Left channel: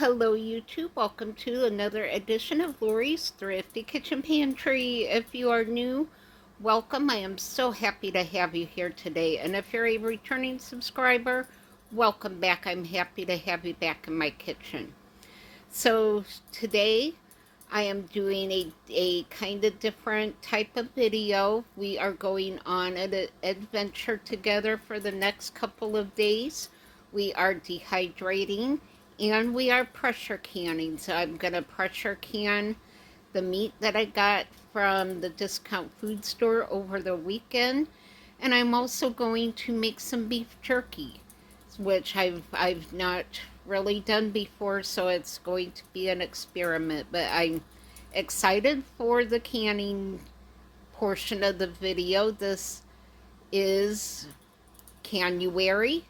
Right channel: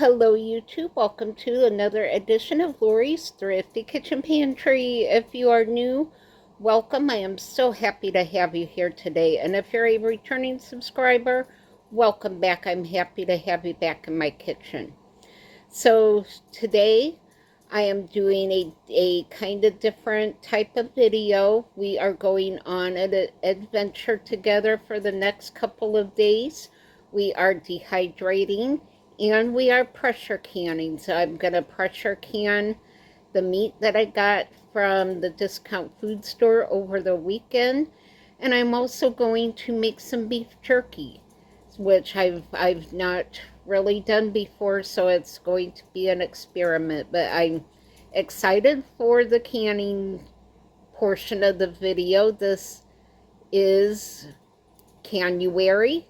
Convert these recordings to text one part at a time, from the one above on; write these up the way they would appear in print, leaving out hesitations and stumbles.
Hello YouTube, welcome to another edition of Lori's Thrifty Kitchen Pantry. If you are new, welcome. I am so happy to have you here today. And if you're a returning subscriber, welcome back. I'm happy to have you back in my kitchen. So today I am doing a kind of different type of video. We are going on an adventure together for the next couple of days. We are dehydrating and we are pressure canning. So I'm going to pressure can the meat that I got from the discount food store over the weekend. And I'm also going to make some beef jerky, which I've not really done before, so it's going to be an experiment. But I'm excited for the canning portion of the video. This is January.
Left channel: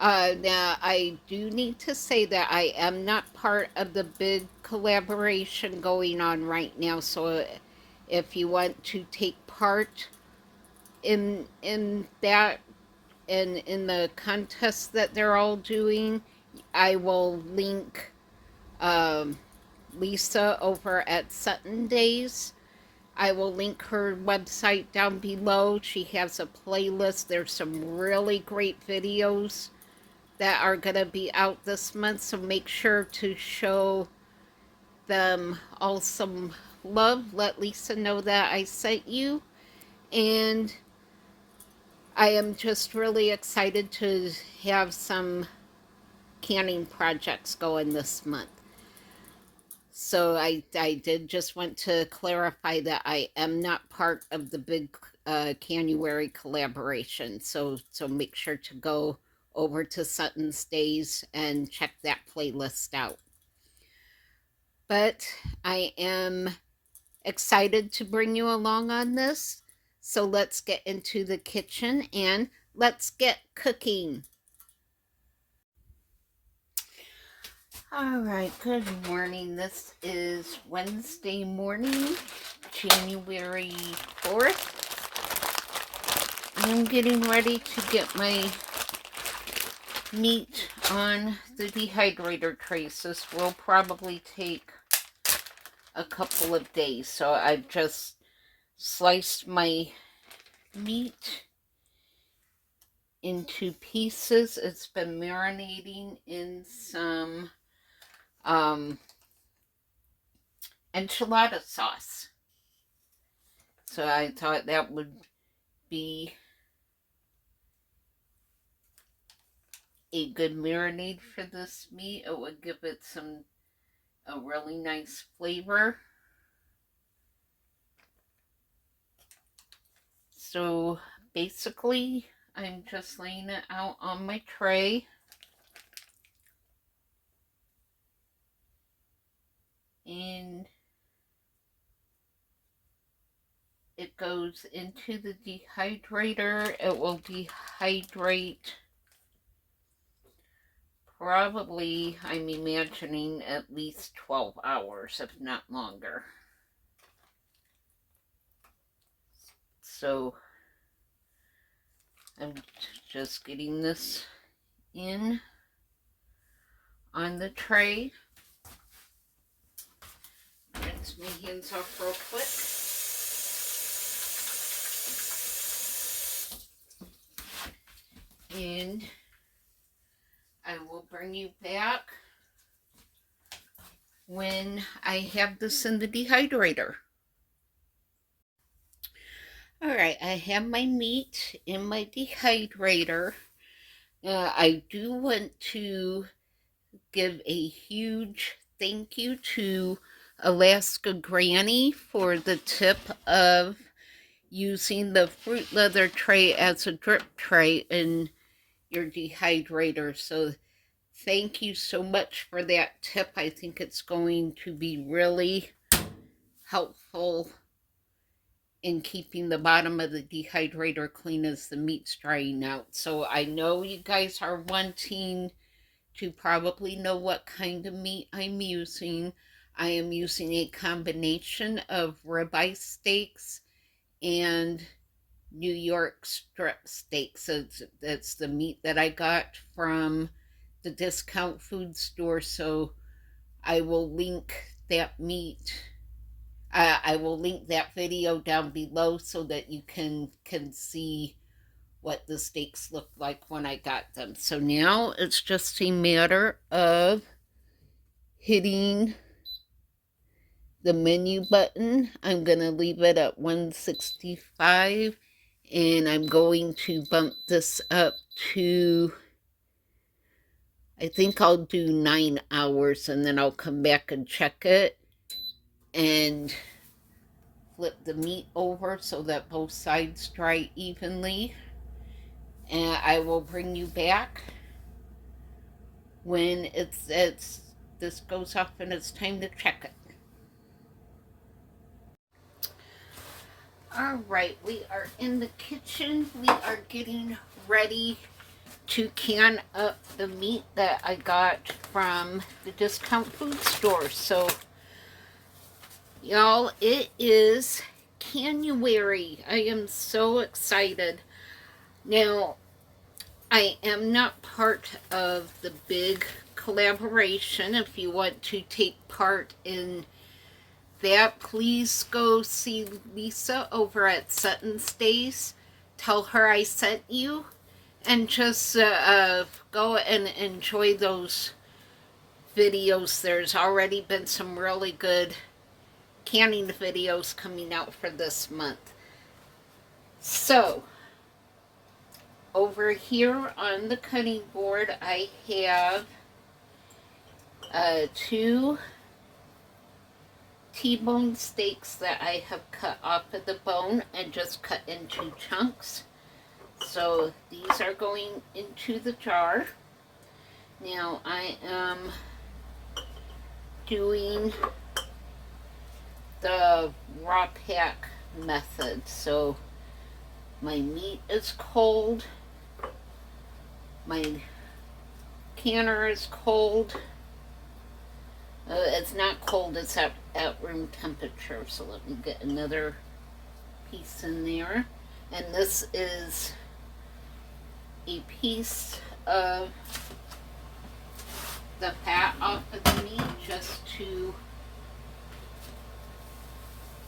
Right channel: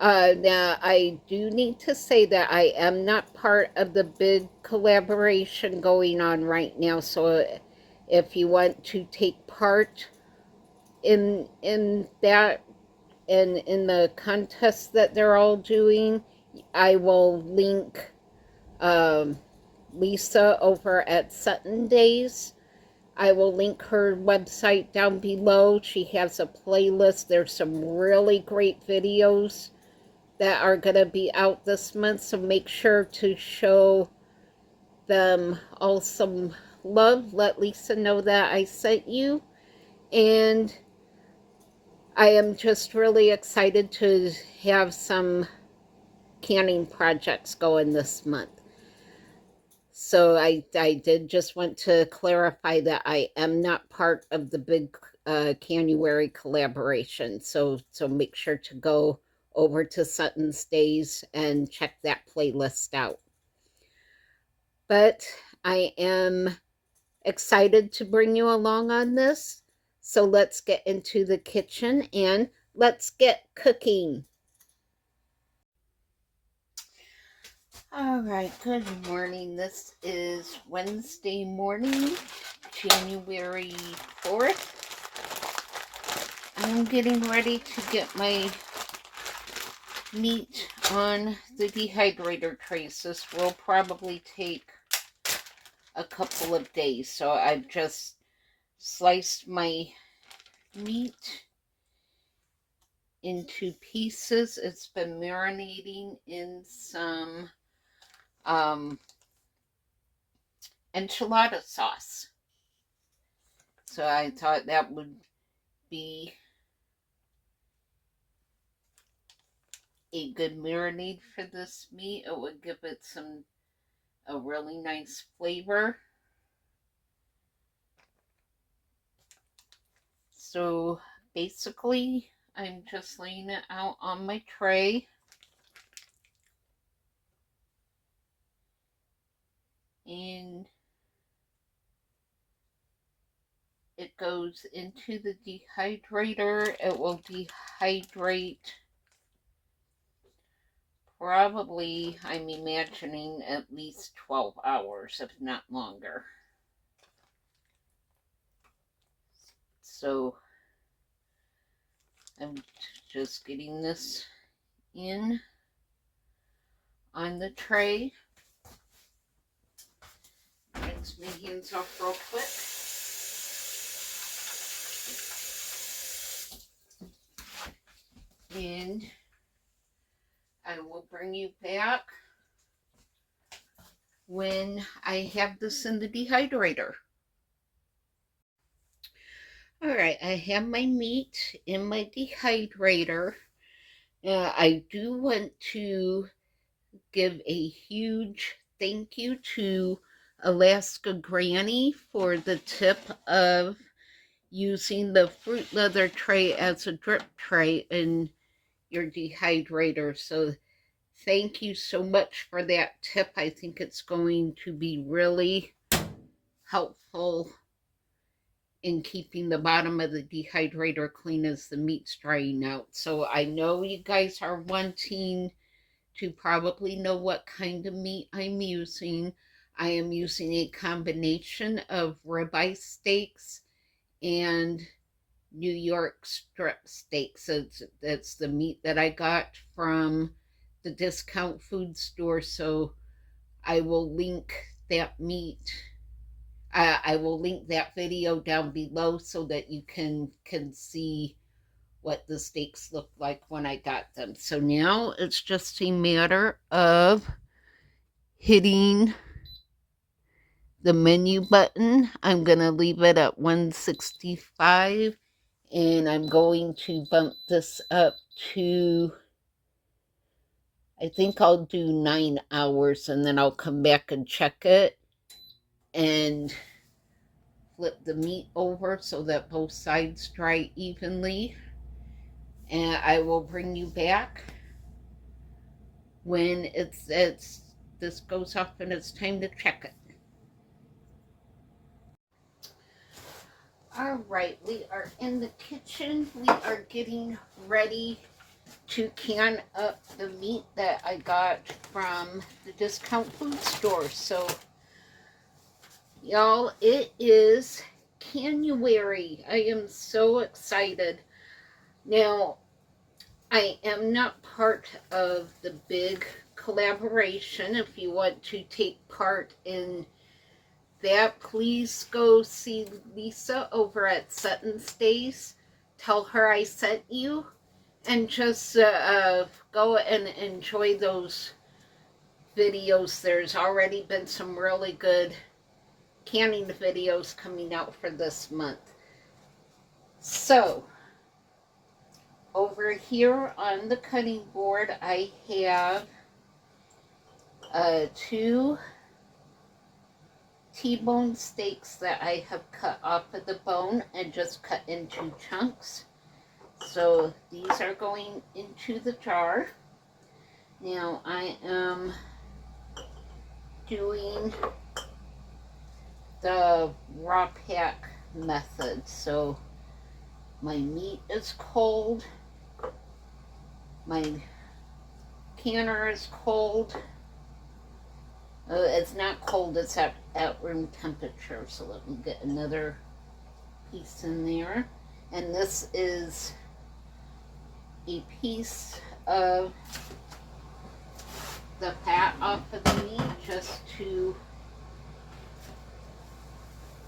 Now, I do need to say that I am not part of the big collaboration going on right now. So if you want to take part in that, in the contest that they're all doing, I will link Lisa over at Sutton Days. I will link her website down below. She has a playlist. There's some really great videos that are going to be out this month, so make sure to show them all some love. Let Lisa know that I sent you. And I am just really excited to have some canning projects going this month. So I did just want to clarify that I am not part of the big January collaboration. So make sure to go over to Sutton's Days and check that playlist out. But I am excited to bring you along on this. So let's get into the kitchen and let's get cooking. All right, good morning. This is Wednesday morning, January 4th. I'm getting ready to get my meat on the dehydrator trays. This will probably take a couple of days. So I've just sliced my meat into pieces. It's been marinating in some enchilada sauce. So I thought that would be a good marinade for this meat. It would give it a really nice flavor. So basically, I'm just laying it out on my tray. And it goes into the dehydrator. It will dehydrate probably, I'm imagining, at least 12 hours, if not longer. So I'm just getting this in on the tray. Rinse my hands off real quick. And I will bring you back when I have this in the dehydrator. All right, I have my meat in my dehydrator. I do want to give a huge thank you to Alaska Granny for the tip of using the fruit leather tray as a drip tray in your dehydrator. So thank you so much for that tip. I think it's going to be really helpful in keeping the bottom of the dehydrator clean as the meat's drying out. So I know you guys are wanting to probably know what kind of meat I'm using. I am using a combination of ribeye steaks and New York strip steaks. So that's the meat that I got from the discount food store, so I will link that meat. I will link that video down below so that you can see what the steaks look like when I got them. So now it's just a matter of hitting the menu button. I'm going to leave it at 165, and I'm going to bump this up to, I think I'll do 9 hours, and then I'll come back and check it and flip the meat over so that both sides dry evenly. And I will bring you back when this goes off and it's time to check it. All right, we are in the kitchen. We are getting ready to can up the meat that I got from the discount food store. So, y'all, it is January. I am so excited. Now, I am not part of the big collaboration. If you want to take part in that, please go see Lisa over at Sutton Stays. Tell her I sent you, and just go and enjoy those videos. There's already been some really good canning videos coming out for this month. So, over here on the cutting board, I have 2 T-bone steaks that I have cut off of the bone and just cut into chunks. So these are going into the jar. Now I am doing the raw pack method. So my meat is cold, my canner is cold. It's not cold, it's at room temperature. So let me get another piece in there. And this is a piece of the fat off of the meat just to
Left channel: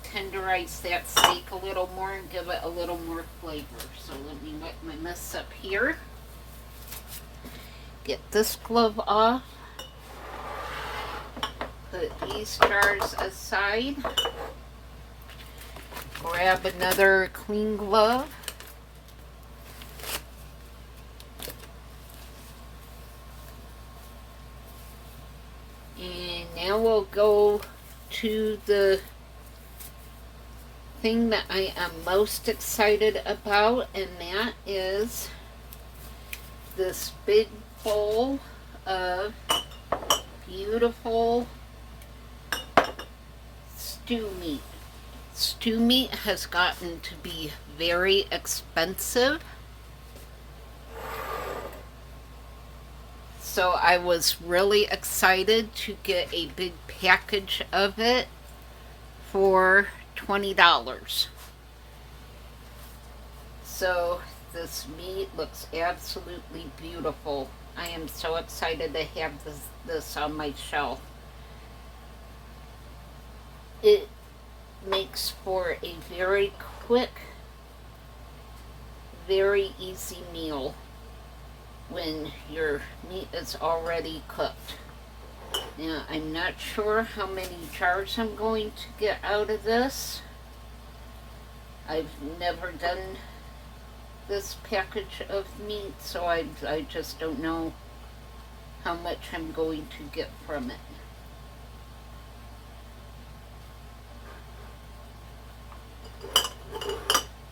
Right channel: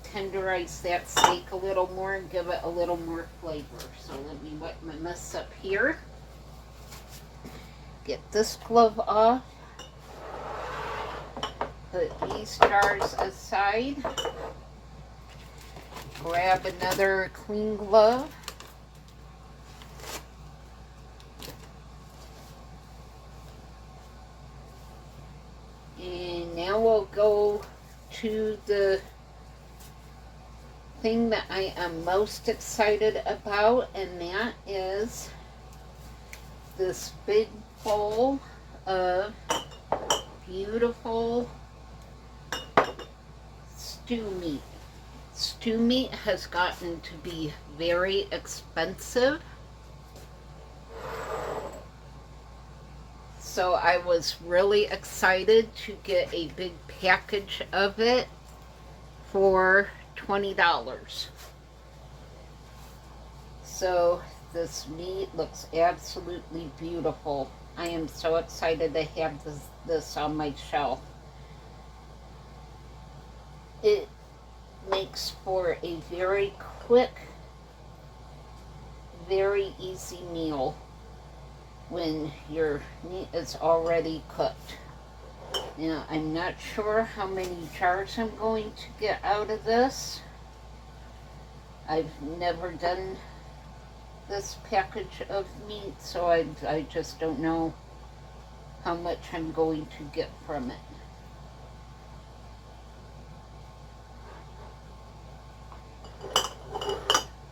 tenderize that steak a little more and give it a little more flavor. So let me wipe my mess up here. Get this glove off. Put these jars aside. Grab another clean glove. And now we'll go to the thing that I am most excited about, and that is this big bowl of beautiful stew meat. Stew meat has gotten to be very expensive. So I was really excited to get a big package of it for $20. So this meat looks absolutely beautiful. I am so excited to have this on my shelf. It makes for a very quick, very easy meal when your meat is already cooked. Now, I'm not sure how many jars I'm going to get out of this. I've never done this package of meat, so I just don't know how much I'm going to get from it.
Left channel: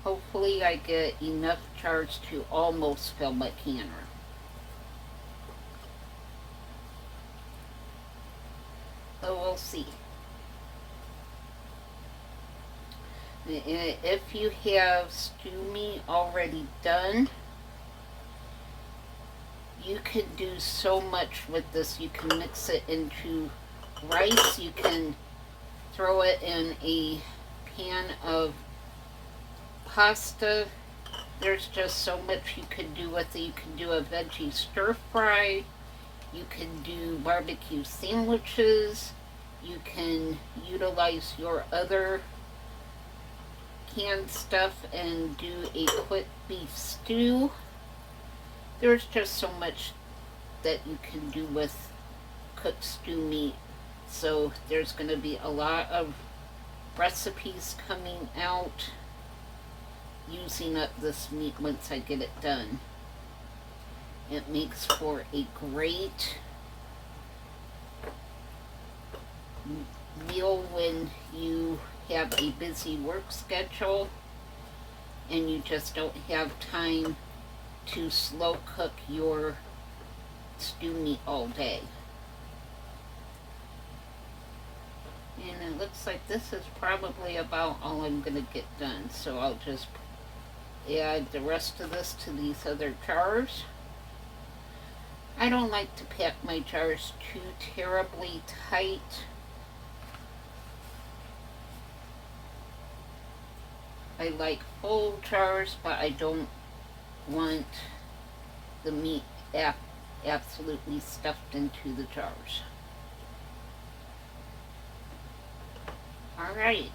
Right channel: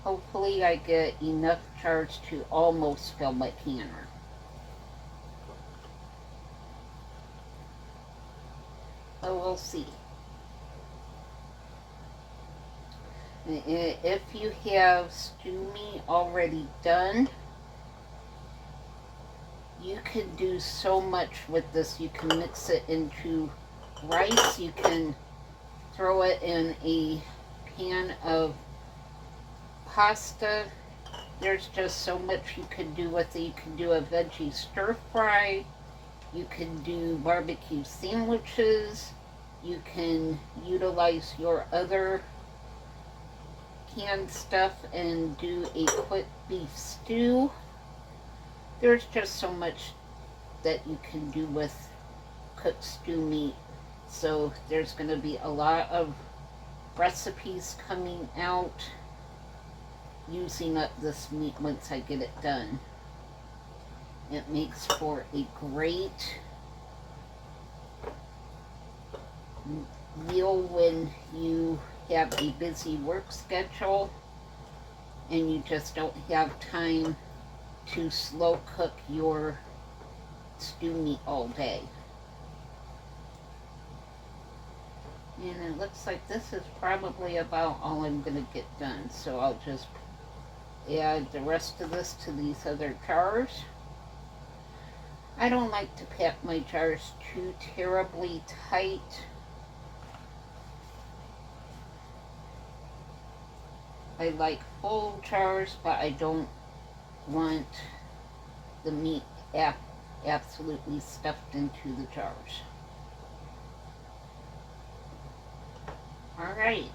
Hopefully I get enough jars to almost fill my canner. So we'll see. If you have stew meat already done, you can do so much with this. You can mix it into rice. You can throw it in a pan of pasta. There's just so much you can do with it. You can do a veggie stir fry. You can do barbecue sandwiches. You can utilize your other canned stuff and do a quick beef stew. There's just so much that you can do with cooked stew meat. So there's going to be a lot of recipes coming out using up this meat once I get it done. It makes for a great meal when you have a busy work schedule and you just don't have time to slow cook your stew meat all day. And it looks like this is probably about all I'm going to get done. So I'll just add the rest of this to these other jars. I don't like to pack my jars too terribly tight. I like full jars, but I don't want the meat absolutely stuffed into the jars. Alright,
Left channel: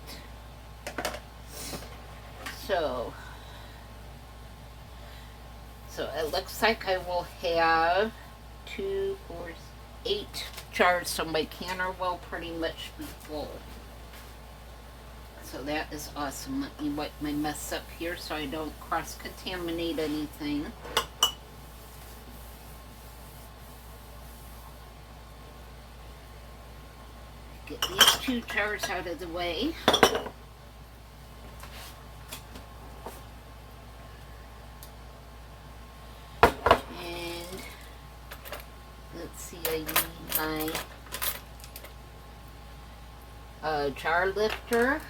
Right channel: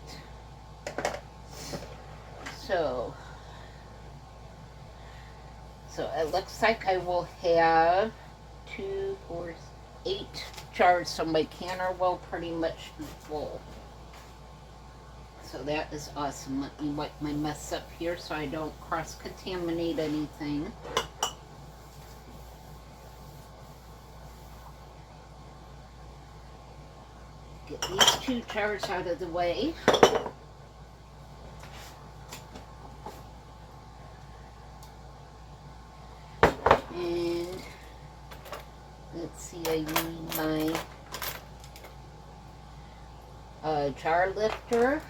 so it looks like I will have 2, 4, 8 jars, so my canner will pretty much be full. So that is awesome. Let me wipe my mess up here so I don't cross-contaminate anything. Get these 2 jars out of the way. And let's see, I need my jar lifter.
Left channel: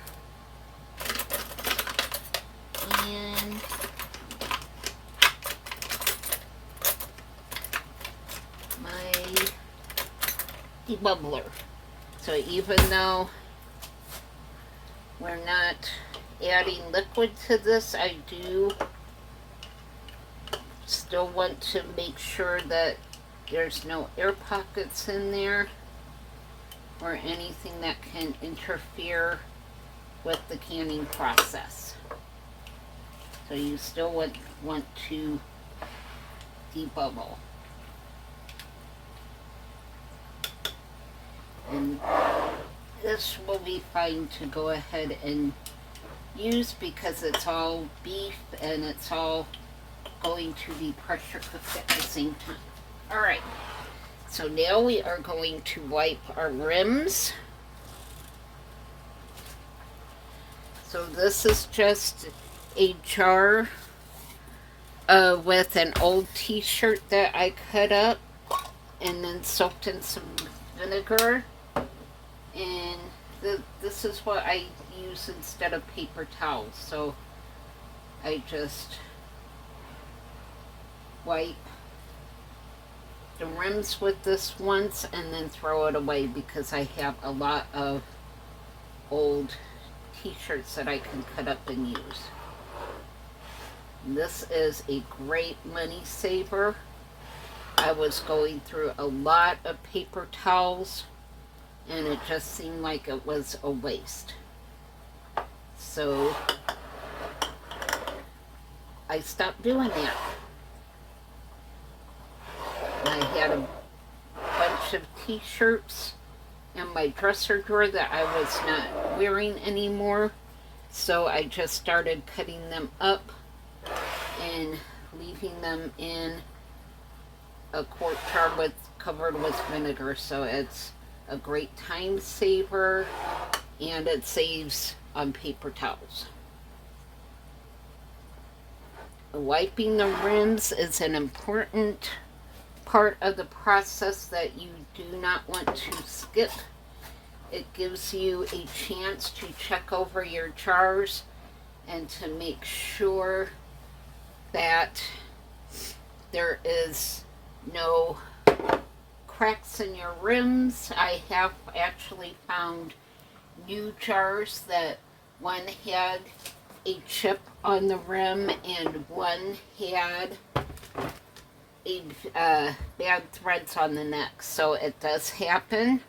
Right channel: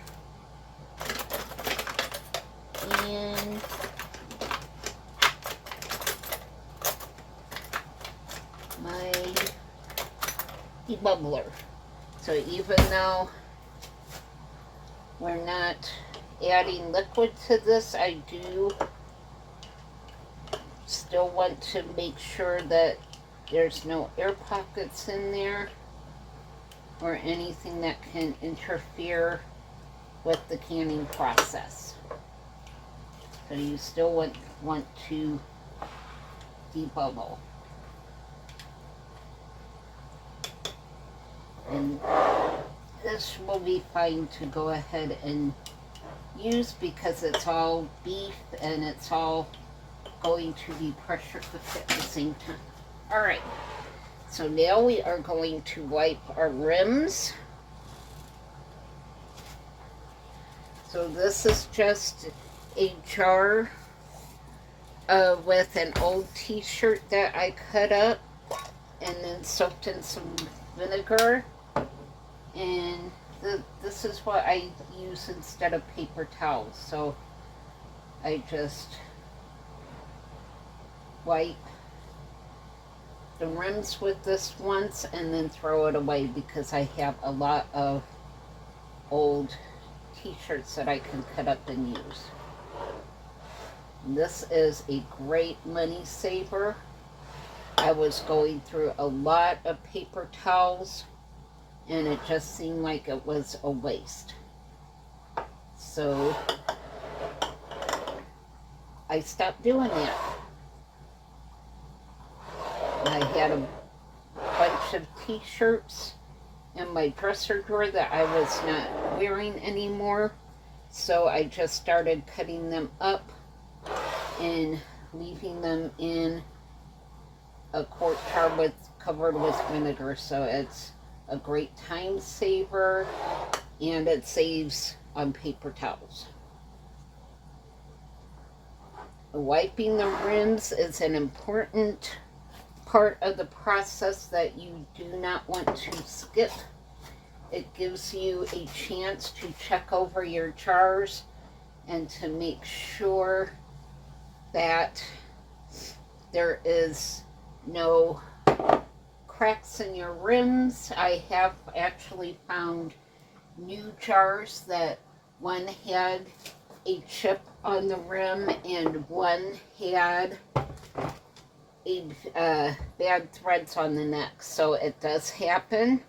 And my debubbler. So even though we're not adding liquid to this, I do still want to make sure that there's no air pockets in there or anything that can interfere with the canning process. So you still want to debubble. And this will be fine to go ahead and use because it's all beef and it's all going to be pressure cooked at the same time. Alright, so now we are going to wipe our rims. So this is just a jar with an old t-shirt that I cut up and then soaked in some vinegar. And this is what I use instead of paper towels. So I just wipe the rims with this once and then throw it away because I have a lot of old t-shirts that I can cut up and use. This is a great money saver. I was going through a lot of paper towels and it just seemed like it was a waste. So I stopped doing that. I had a bunch of t-shirts in my dresser drawer that I was not wearing anymore. So I just started cutting them up and leaving them in a quart jar covered with vinegar. So it's a great time saver and it saves on paper towels. Wiping the rims is an important part of the process that you do not want to skip. It gives you a chance to check over your jars and to make sure that there is no cracks in your rims. I have actually found new jars that one had a chip on the rim and one had bad threads on the neck. So it does happen.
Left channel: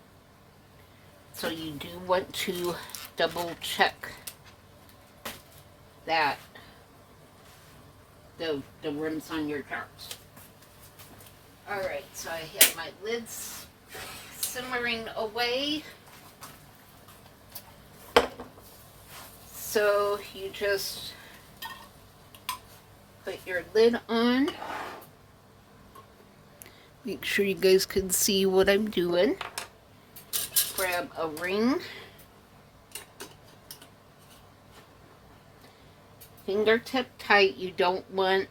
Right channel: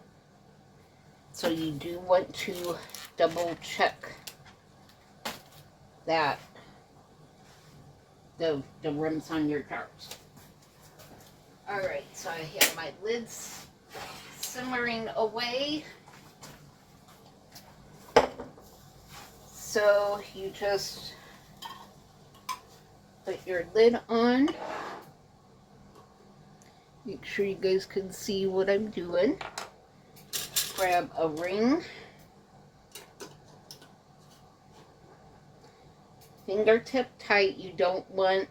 So you do want to double check that the rims on your jars. Alright, so I have my lids simmering away. So you just put your lid on. Make sure you guys can see what I'm doing. Grab a ring. Fingertip tight. You don't want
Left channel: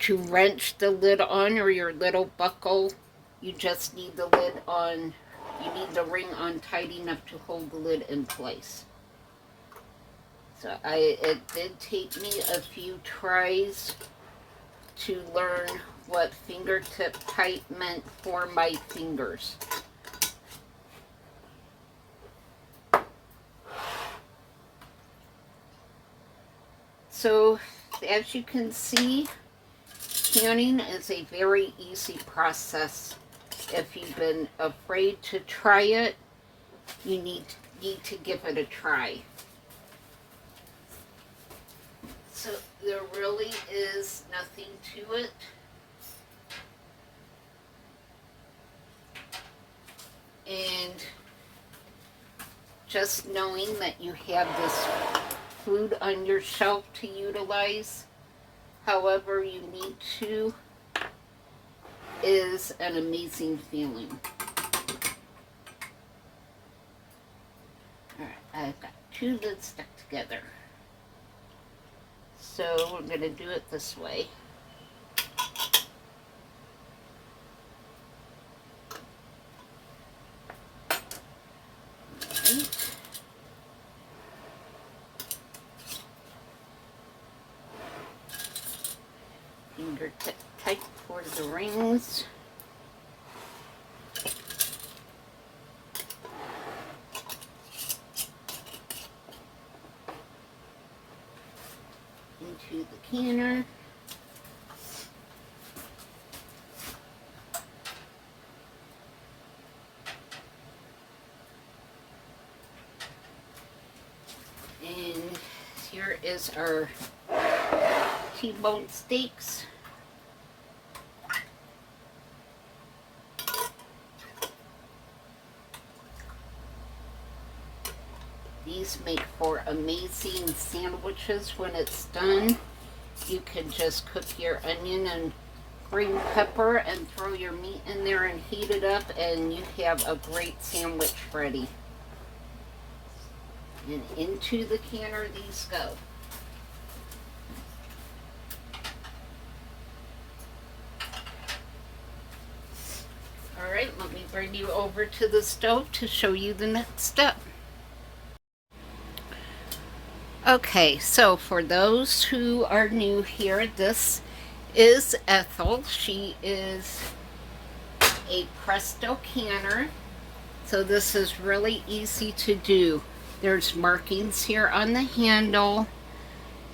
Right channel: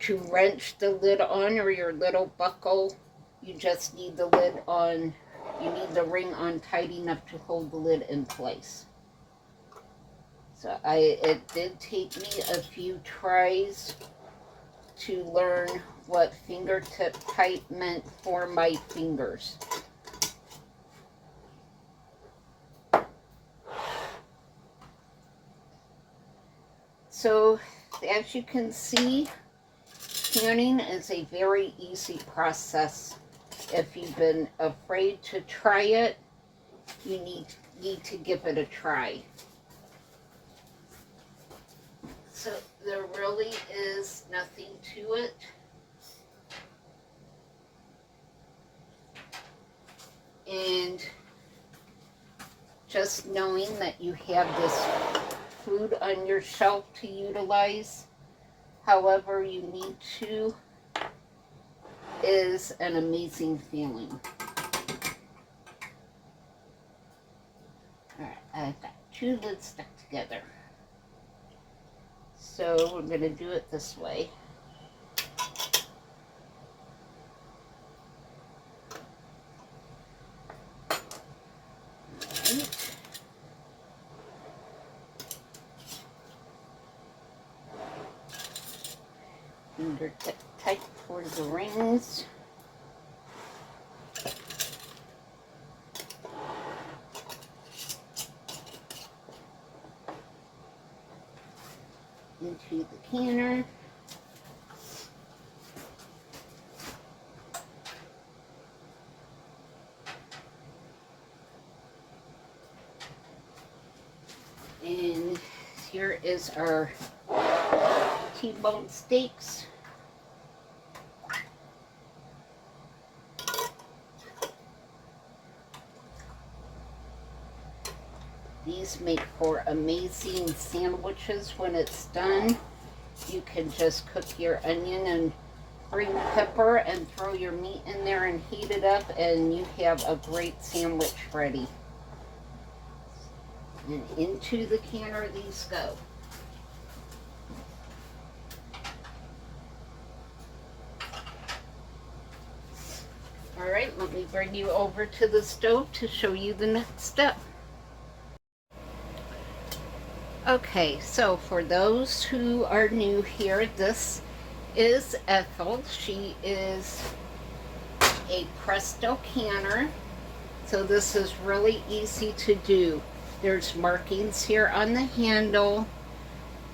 to wrench the lid on or your lid will buckle. You just need the lid on, you need the ring on tight enough to hold the lid in place. So it did take me a few tries to learn what fingertip tight meant for my fingers. So as you can see, canning is a very easy process. If you've been afraid to try it, you need to give it a try. So there really is nothing to it. And just knowing that you have this food on your shelf to utilize however you need to is an amazing feeling. Alright, I've got two lids stuck together. So we're going to do it this way. Alright. Fingertip tight for the rings. Into the canner. And here is our T-bone steaks. These make for amazing sandwiches when it's done. You can just cook your onion and green pepper and throw your meat in there and heat it up, and you have a great sandwich ready. And into the canner these go. Alright, let me bring you over to the stove to show you the next step. Okay, so for those who are new here, this is Ethel. She is a Presto canner. So this is really easy to do. There's markings here on the handle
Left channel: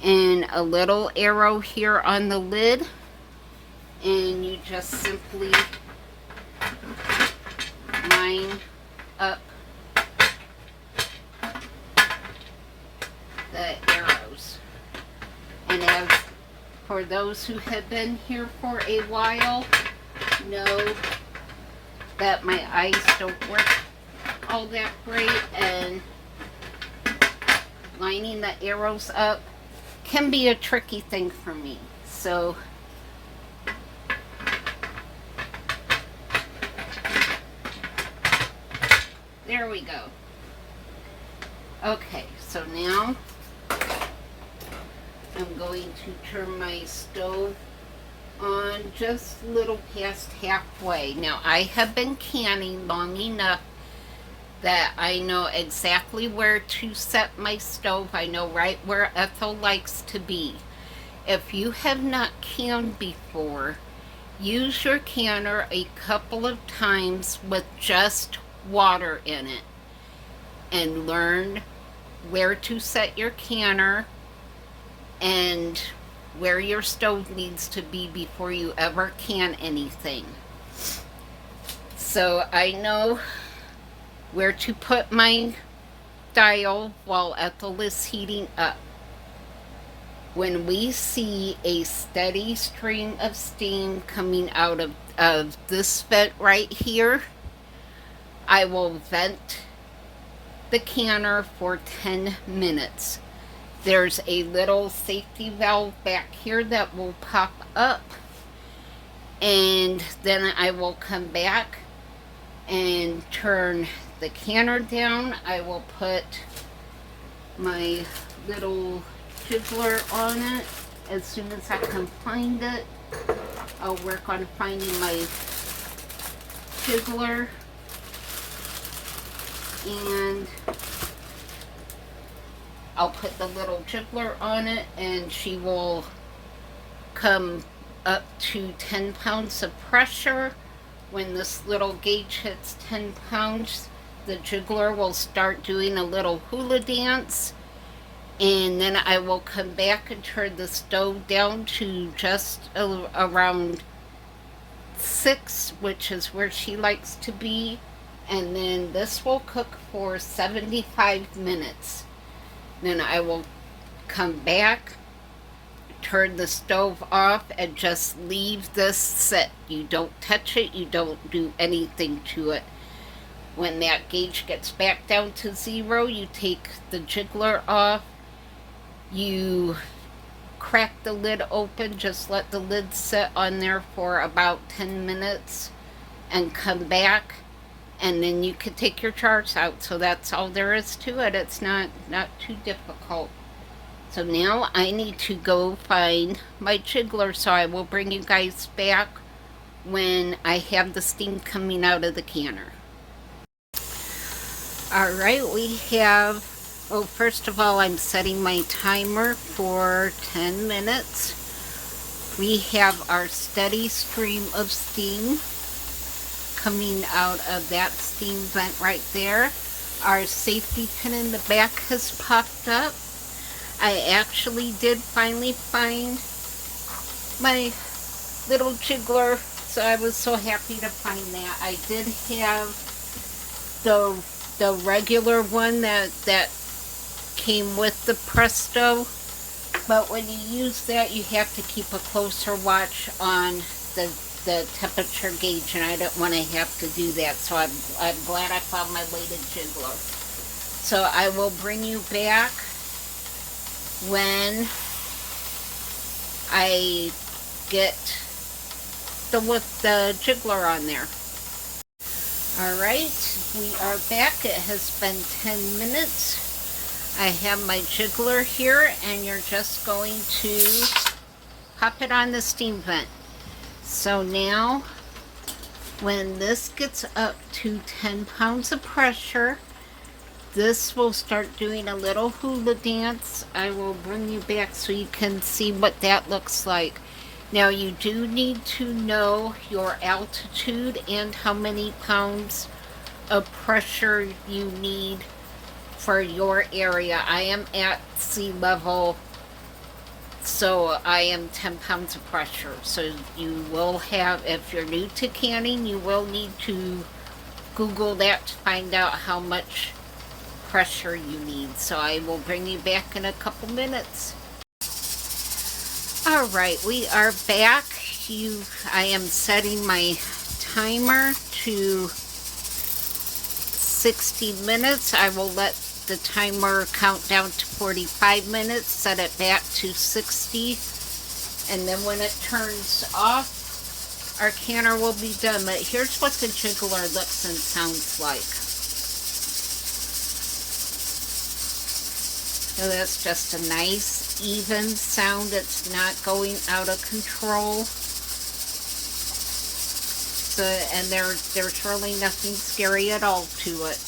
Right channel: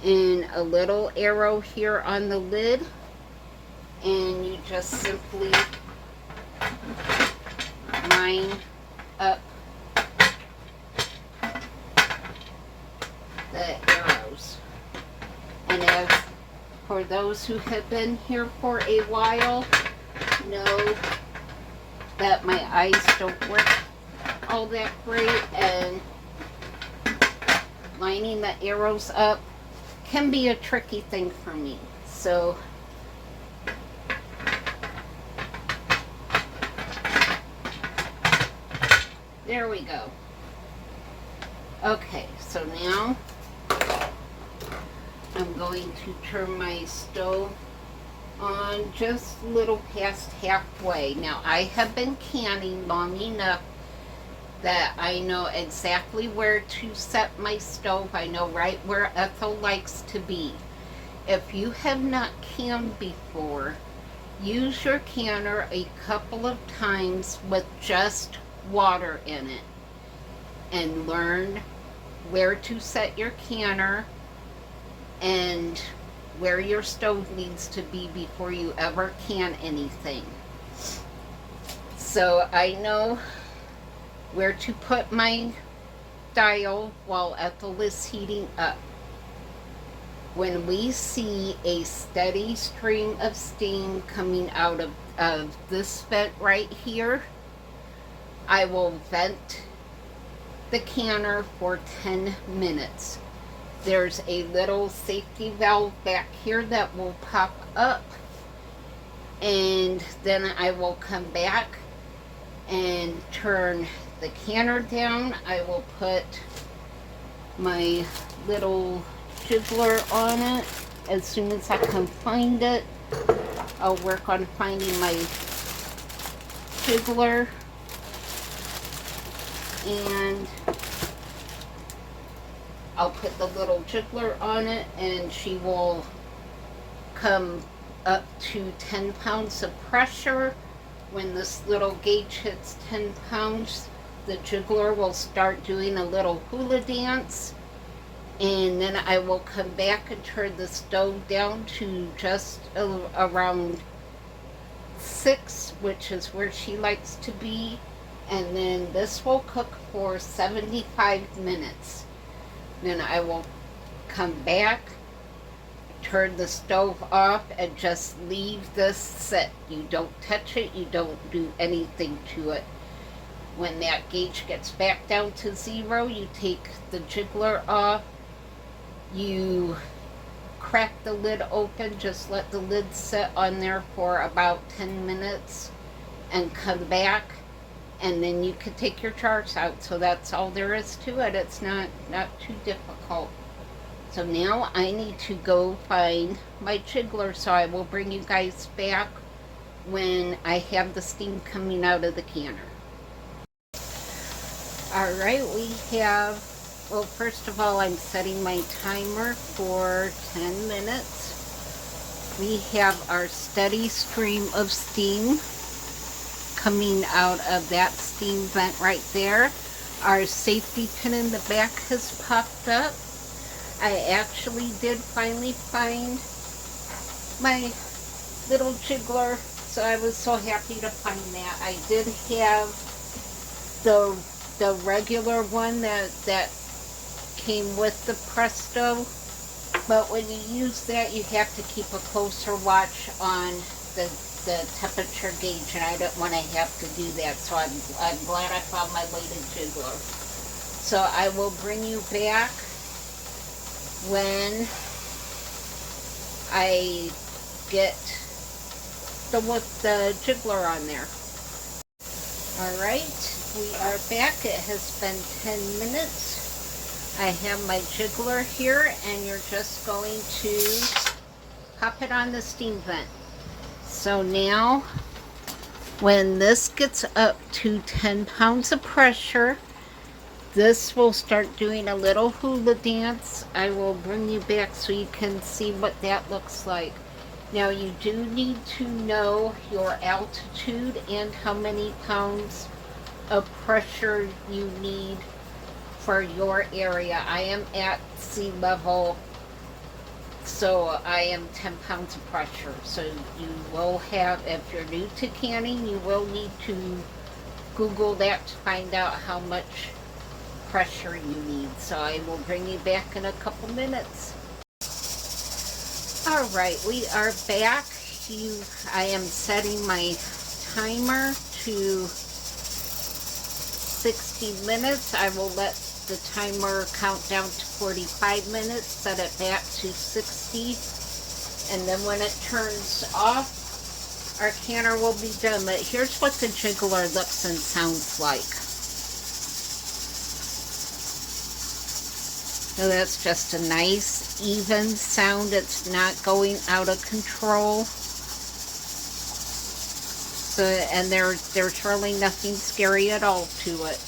and a little arrow here on the lid. And you just simply line up the arrows. And as for those who have been here for a while, know that my eyes don't work all that great, and lining the arrows up can be a tricky thing for me. So there we go. Okay, so now I'm going to turn my stove on just a little past halfway. Now, I have been canning long enough that I know exactly where to set my stove. I know right where Ethel likes to be. If you have not canned before, use your canner a couple of times with just water in it and learn where to set your canner and where your stove needs to be before you ever can anything. So I know where to put my dial while ethyl is heating up. When we see a steady stream of steam coming out of this vent right here, I will vent the canner for 10 minutes. There's a little safety valve back here that will pop up, and then I will come back and turn the canner down. I will put my little jiggler on it. As soon as I can find it, I'll work on finding my jiggler, and I'll put the little jiggler on it, and she will come up to 10 pounds of pressure. When this little gauge hits 10 pounds, the jiggler will start doing a little hula dance, and then I will come back and turn the stove down to just around 6, which is where she likes to be, and then this will cook for 75 minutes. Then I will come back, turn the stove off, and just leave this sit. You don't touch it, you don't do anything to it. When that gauge gets back down to 0, you take the jiggler off, you crack the lid open, just let the lid sit on there for about 10 minutes, and come back, and then you can take your jars out. So that's all there is to it. It's not too difficult. So now I need to go find my jiggler, so I will bring you guys back when I have the steam coming out of the canner. Alright, we have, well, first of all, I'm setting my timer for 10 minutes. We have our steady stream of steam coming out of that steam vent right there. Our safety pin in the back has popped up. I actually did finally find my little jiggler, so I was so happy to find that. I did have the regular one that came with the Presto, but when you use that, you have to keep a closer watch on the temperature gauge, and I don't want to have to do that, so I'm glad I found my weighted jiggler. So I will bring you back when I get the jiggler on there. Alright, we are back. It has been 10 minutes. I have my jiggler here, and you're just going to pop it on the steam vent. So now, when this gets up to 10 pounds of pressure, this will start doing a little hula dance. I will bring you back so you can see what that looks like. Now, you do need to know your altitude and how many pounds of pressure you need for your area. I am at sea level, so I am 10 pounds of pressure. So you will have, if you're new to canning, you will need to Google that to find out how much pressure you need. So I will bring you back in a couple minutes. Alright, we are back. I am setting my timer to 60 minutes. I will let the timer count down to 45 minutes, set it back to 60, and then when it turns off, our canner will be done. But here's what the jiggler looks and sounds like. So that's just a nice, even sound. It's not going out of control. So, and there's really nothing scary at all to it.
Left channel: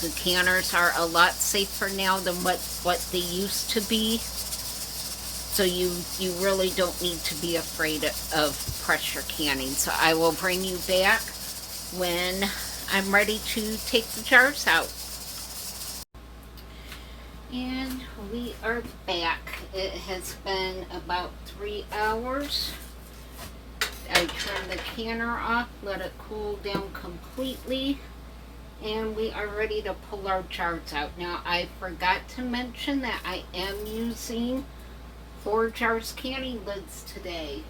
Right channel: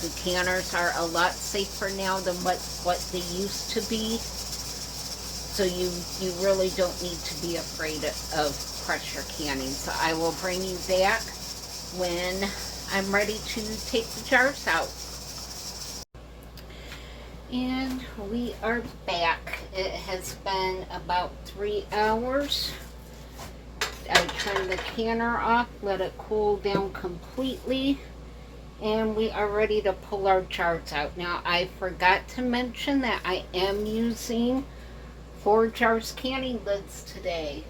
The canners are a lot safer now than what they used to be. So you really don't need to be afraid of pressure canning. So I will bring you back when I'm ready to take the jars out. And we are back. It has been about 3 hours. I turned the canner off, let it cool down completely, and we are ready to pull our jars out. Now, I forgot to mention that I am using ForJars canning lids today.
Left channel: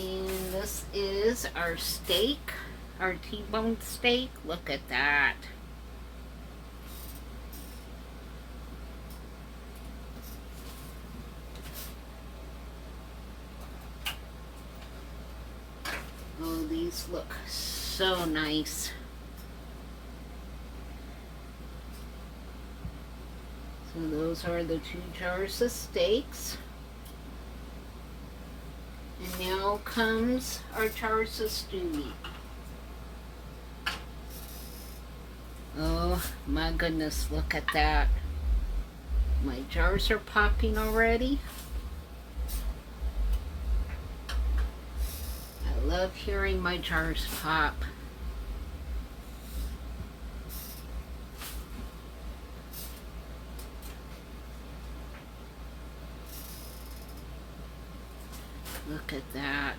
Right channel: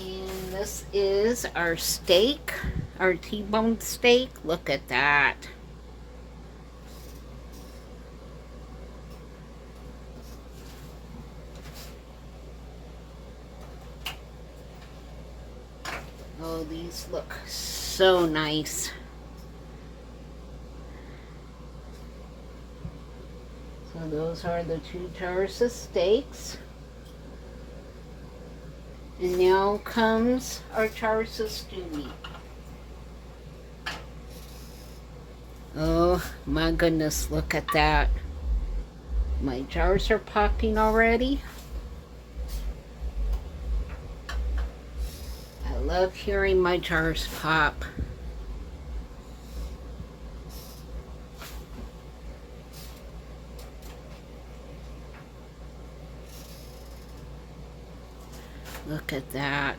And this is our steak, our T-bone steak. Look at that. Oh, these look so nice. So those are the 2 jars of steaks. And now comes our jars of stew meat. Oh my goodness, look at that. My jars are popping already. I love hearing my jars pop. Look at that.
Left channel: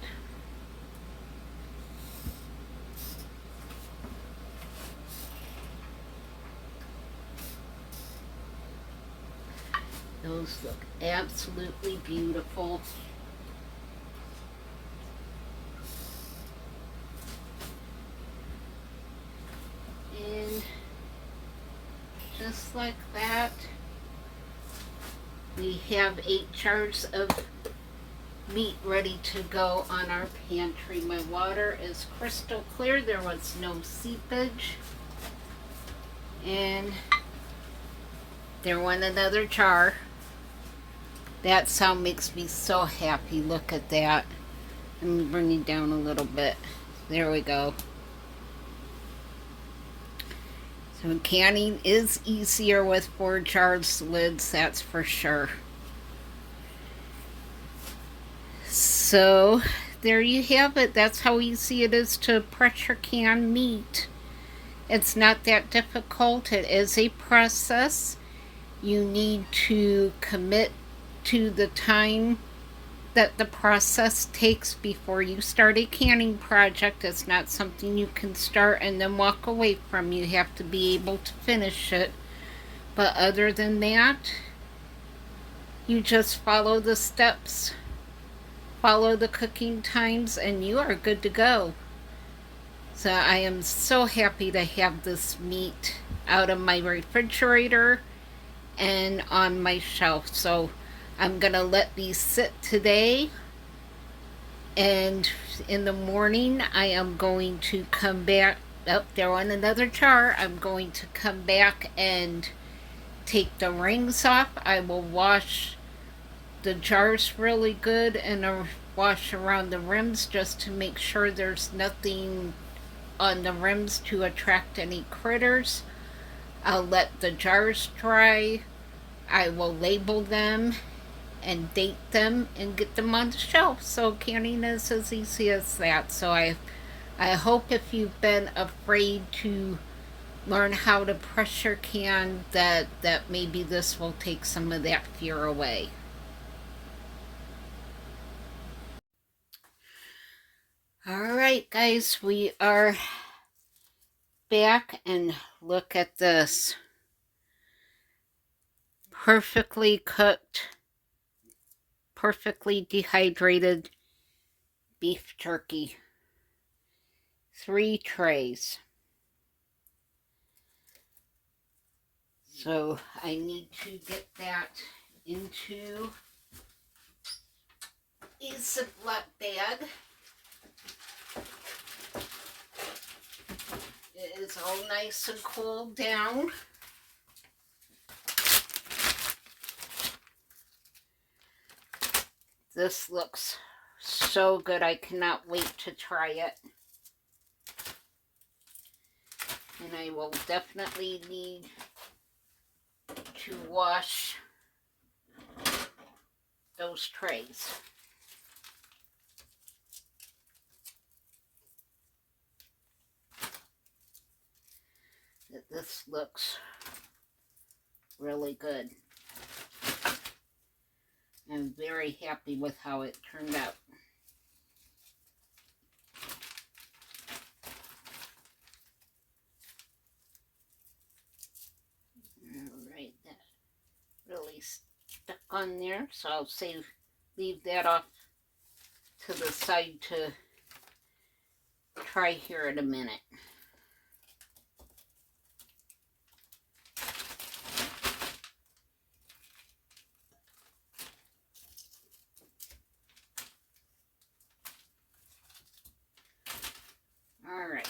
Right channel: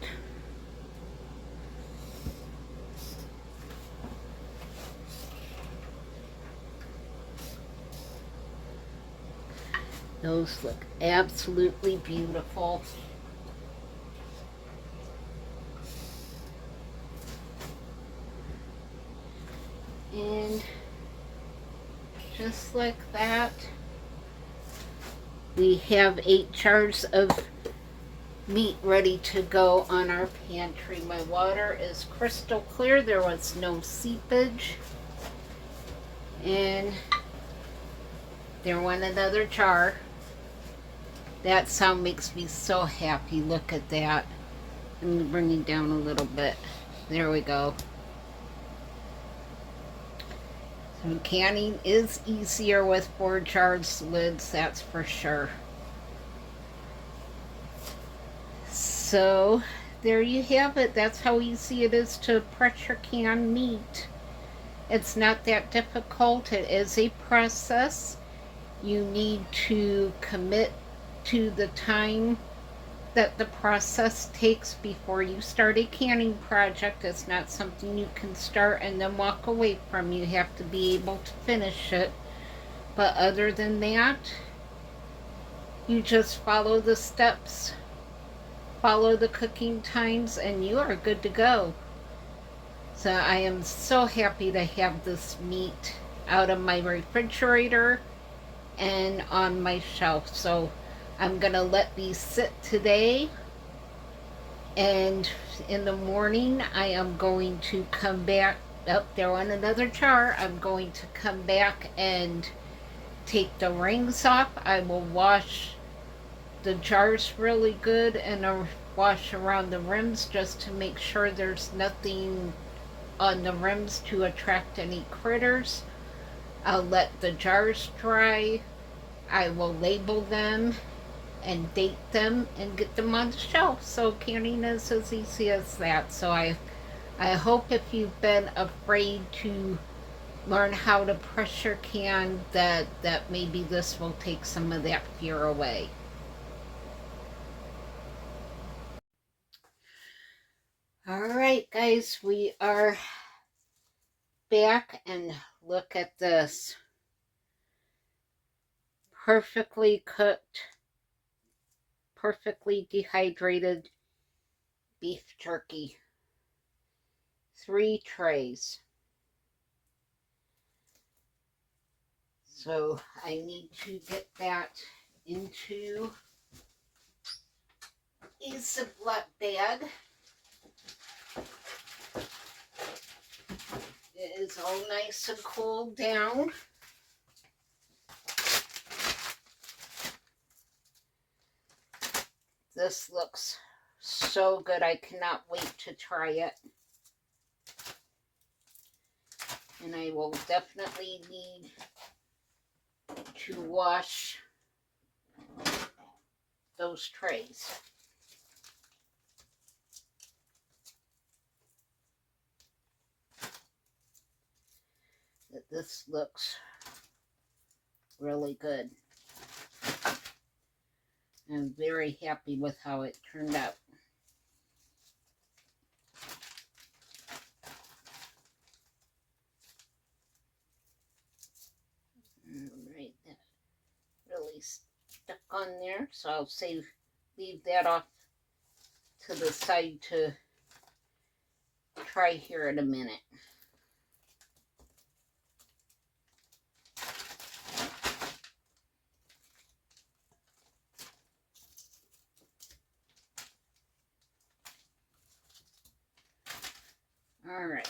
Those look absolutely beautiful. And just like that, we have 8 jars of meat ready to go on our pantry. My water is crystal clear. There was no seepage. And there went another jar. That sound makes me so happy. Look at that. Let me bring it down a little bit. There we go. So canning is easier with ForJars lids, that's for sure. So there you have it. That's how easy it is to pressure can meat. It's not that difficult. It is a process. You need to commit to the time that the process takes before you start a canning project. It's not something you can start and then walk away from. You have to be able to finish it. But other than that, you just follow the steps, follow the cooking times, and you are good to go. So I am so happy to have this meat out of my refrigerator and on my shelf. So I'm going to let these sit today, and in the morning I am going to come back. Oh, they're on another jar. I'm going to come back and take the rings off. I will wash the jars really good and wash around the rims just to make sure there's nothing on the rims to attract any critters. I'll let the jars dry. I will label them and date them and get them on the shelf. So canning is as easy as that. So I hope if you've been afraid to learn how to pressure can, that maybe this will take some of that fear away. All right, guys, we are back, and look at this. Perfectly cooked, perfectly dehydrated beef jerky. 3 trays. So I need to get that into a Ziploc bag. It is all nice and cooled down. This looks so good. I cannot wait to try it. And I will definitely need to wash those trays. This looks really good. I'm very happy with how it turned out. Alright, that really stuck on there, so I'll leave that off to the side to try here in a minute. Alright.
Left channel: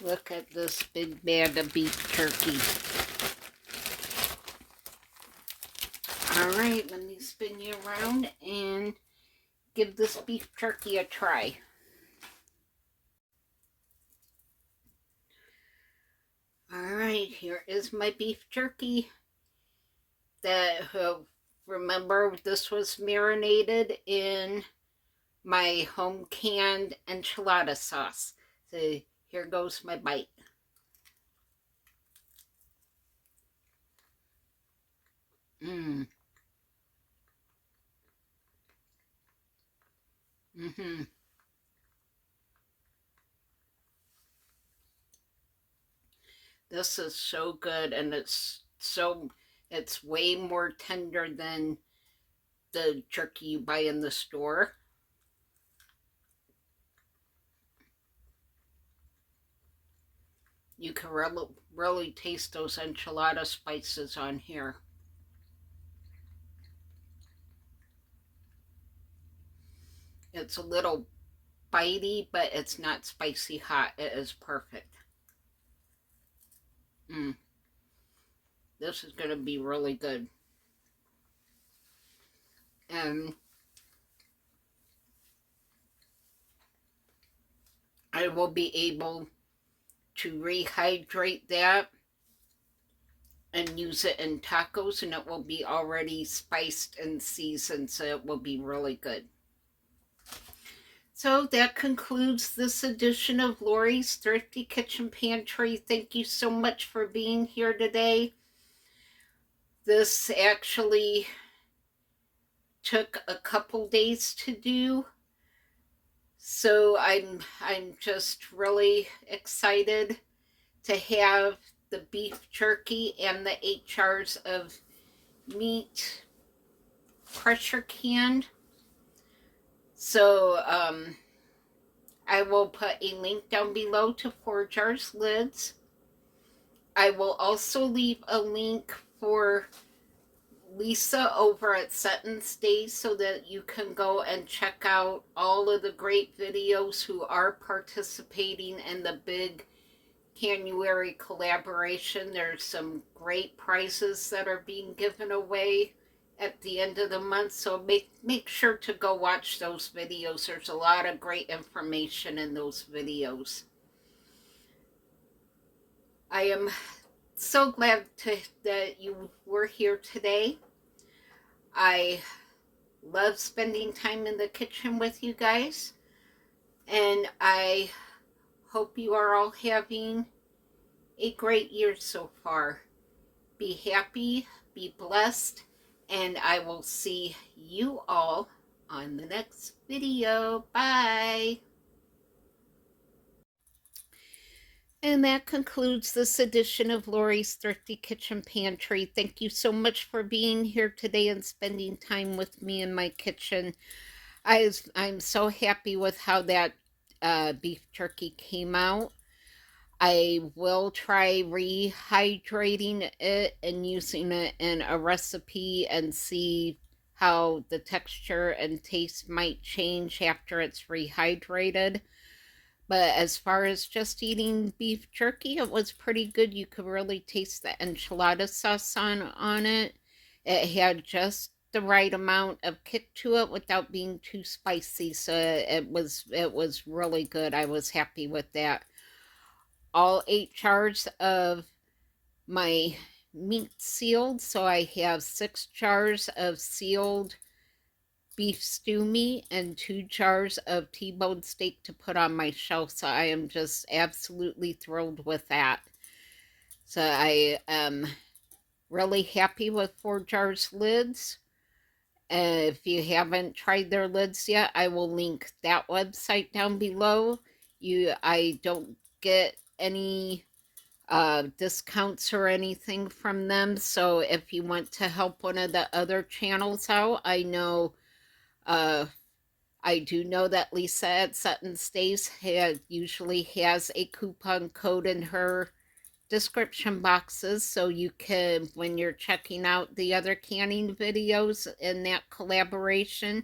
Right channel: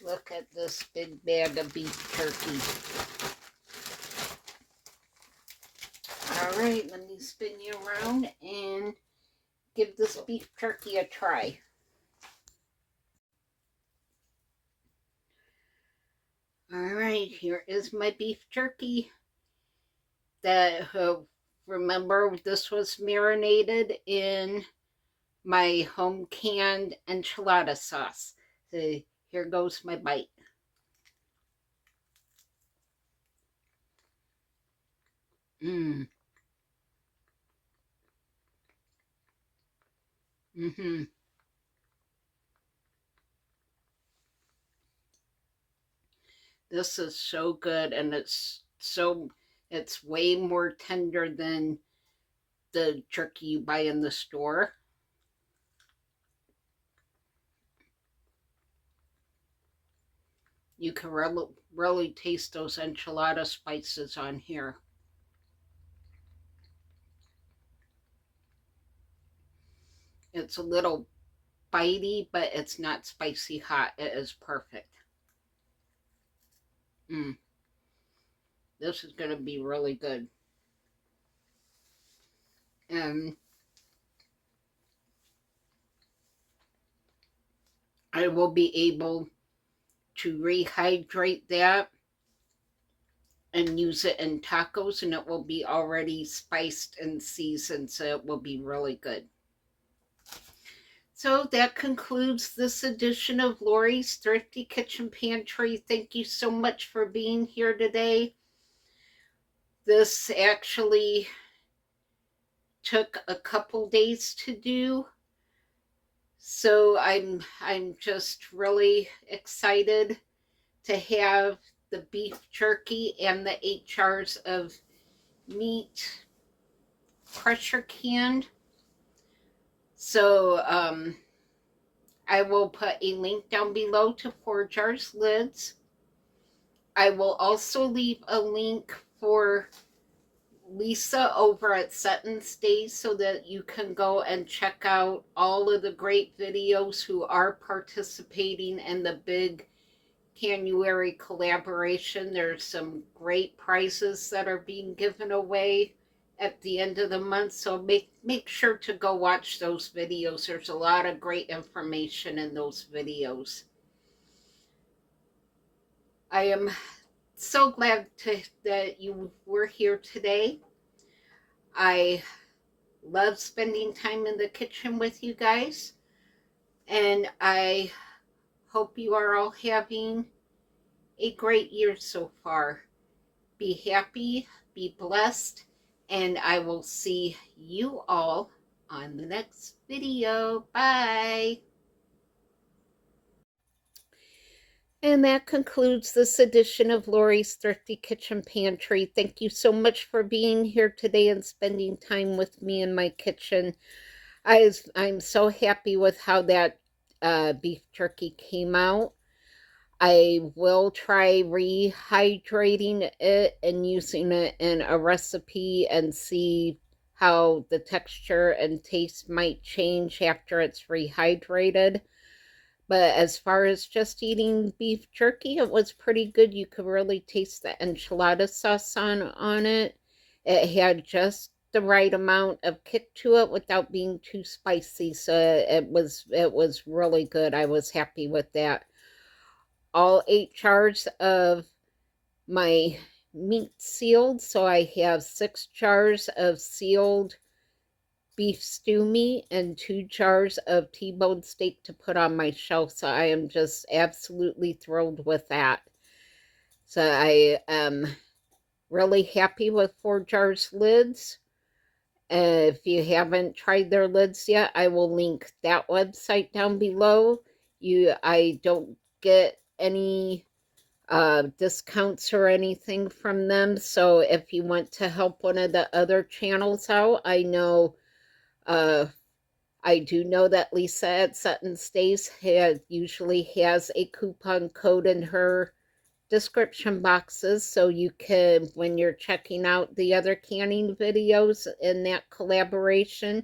Look at this big bag of beef jerky. Alright, let me spin you around and give this beef jerky a try. Alright, here is my beef jerky. Remember, this was marinated in my home canned enchilada sauce. So here goes my bite. Mmm. Mm-hmm. This is so good, and it's way more tender than the jerky you buy in the store. You can really taste those enchilada spices on here. It's a little bitey, but it's not spicy hot. It is perfect. This is going to be really good. And I will be able to rehydrate that and use it in tacos, and it will be already spiced and seasoned, so it will be really good. So that concludes this edition of Lori's Thrifty Kitchen Pantry. Thank you so much for being here today. This actually took a couple days to do, so I'm just really excited to have the beef jerky and the 8 jars of meat pressure canned. So I will put a link down below to ForJars lids. I will also leave a link for Lisa over at Sutton's Days so that you can go and check out all of the great videos who are participating in the big January collaboration. There's some great prizes that are being given away at the end of the month, so make sure to go watch those videos. There's a lot of great information in those videos. I am so glad that you were here today. I love spending time in the kitchen with you guys, and I hope you are all having a great year so far. Be happy, be blessed, and I will see you all on the next video. Bye. And that concludes this edition of Lori's Thrifty Kitchen Pantry. Thank you so much for being here today and spending time with me in my kitchen. I'm so happy with how that beef jerky came out. I will try rehydrating it and using it in a recipe and see how the texture and taste might change after it's rehydrated. But as far as just eating beef jerky, it was pretty good. You could really taste the enchilada sauce on it. It had just the right amount of kick to it without being too spicy. So it was really good. I was happy with that. All 8 jars of my meat sealed. So I have 6 jars of sealed beef stew meat and 2 jars of T-bone steak to put on my shelf. So I am just absolutely thrilled with that. So I am really happy with ForJars lids. If you haven't tried their lids yet, I will link that website down below. I don't get any discounts or anything from them. So if you want to help one of the other channels out, I do know that Lisa at Sutton Stays usually has a coupon code in her description boxes, so you can, when you're checking out the other canning videos in that collaboration,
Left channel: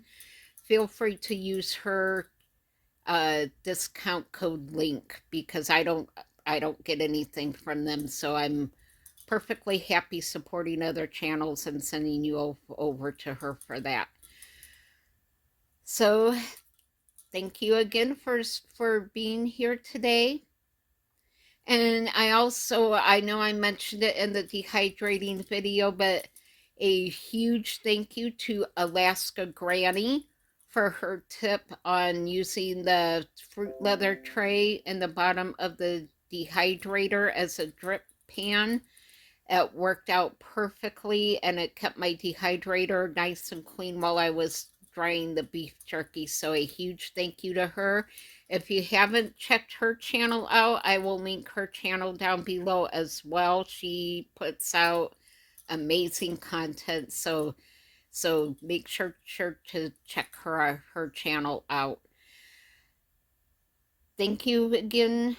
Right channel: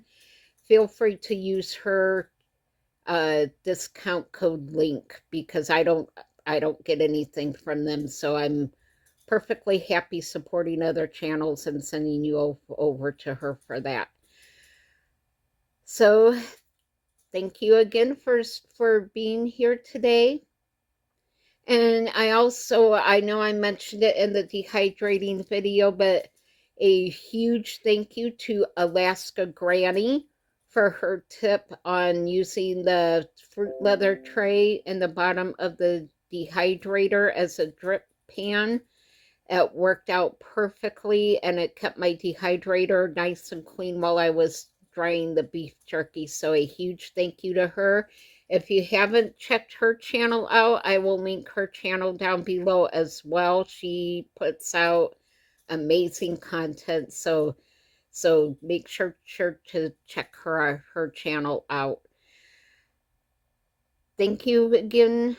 feel free to use her discount code link, because I don't get anything from them, so I'm perfectly happy supporting other channels and sending you over to her for that. So thank you again for being here today. And I know I mentioned it in the dehydrating video, but a huge thank you to Alaska Granny for her tip on using the fruit leather tray in the bottom of the dehydrator as a drip pan. It worked out perfectly, and it kept my dehydrator nice and clean while I was drying the beef jerky. So a huge thank you to her. If you haven't checked her channel out, I will link her channel down below as well. She puts out amazing content, so make sure to check her channel out. Thank you again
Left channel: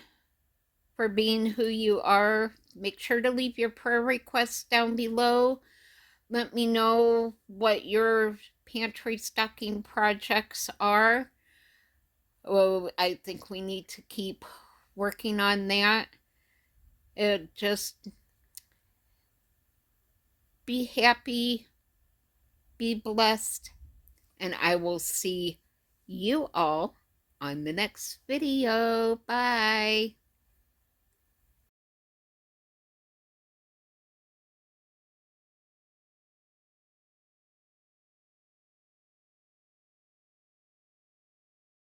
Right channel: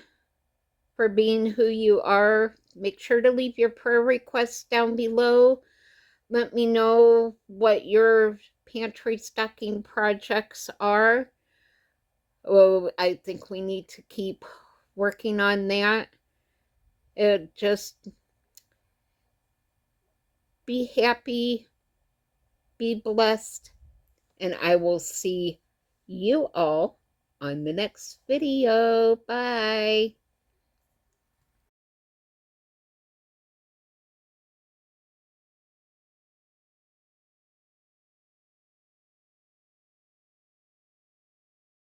for being who you are. Make sure to leave your prayer requests down below. Let me know what your pantry stocking projects are. Oh, I think we need to keep working on that. Just be happy, be blessed, and I will see you all on the next video. Bye.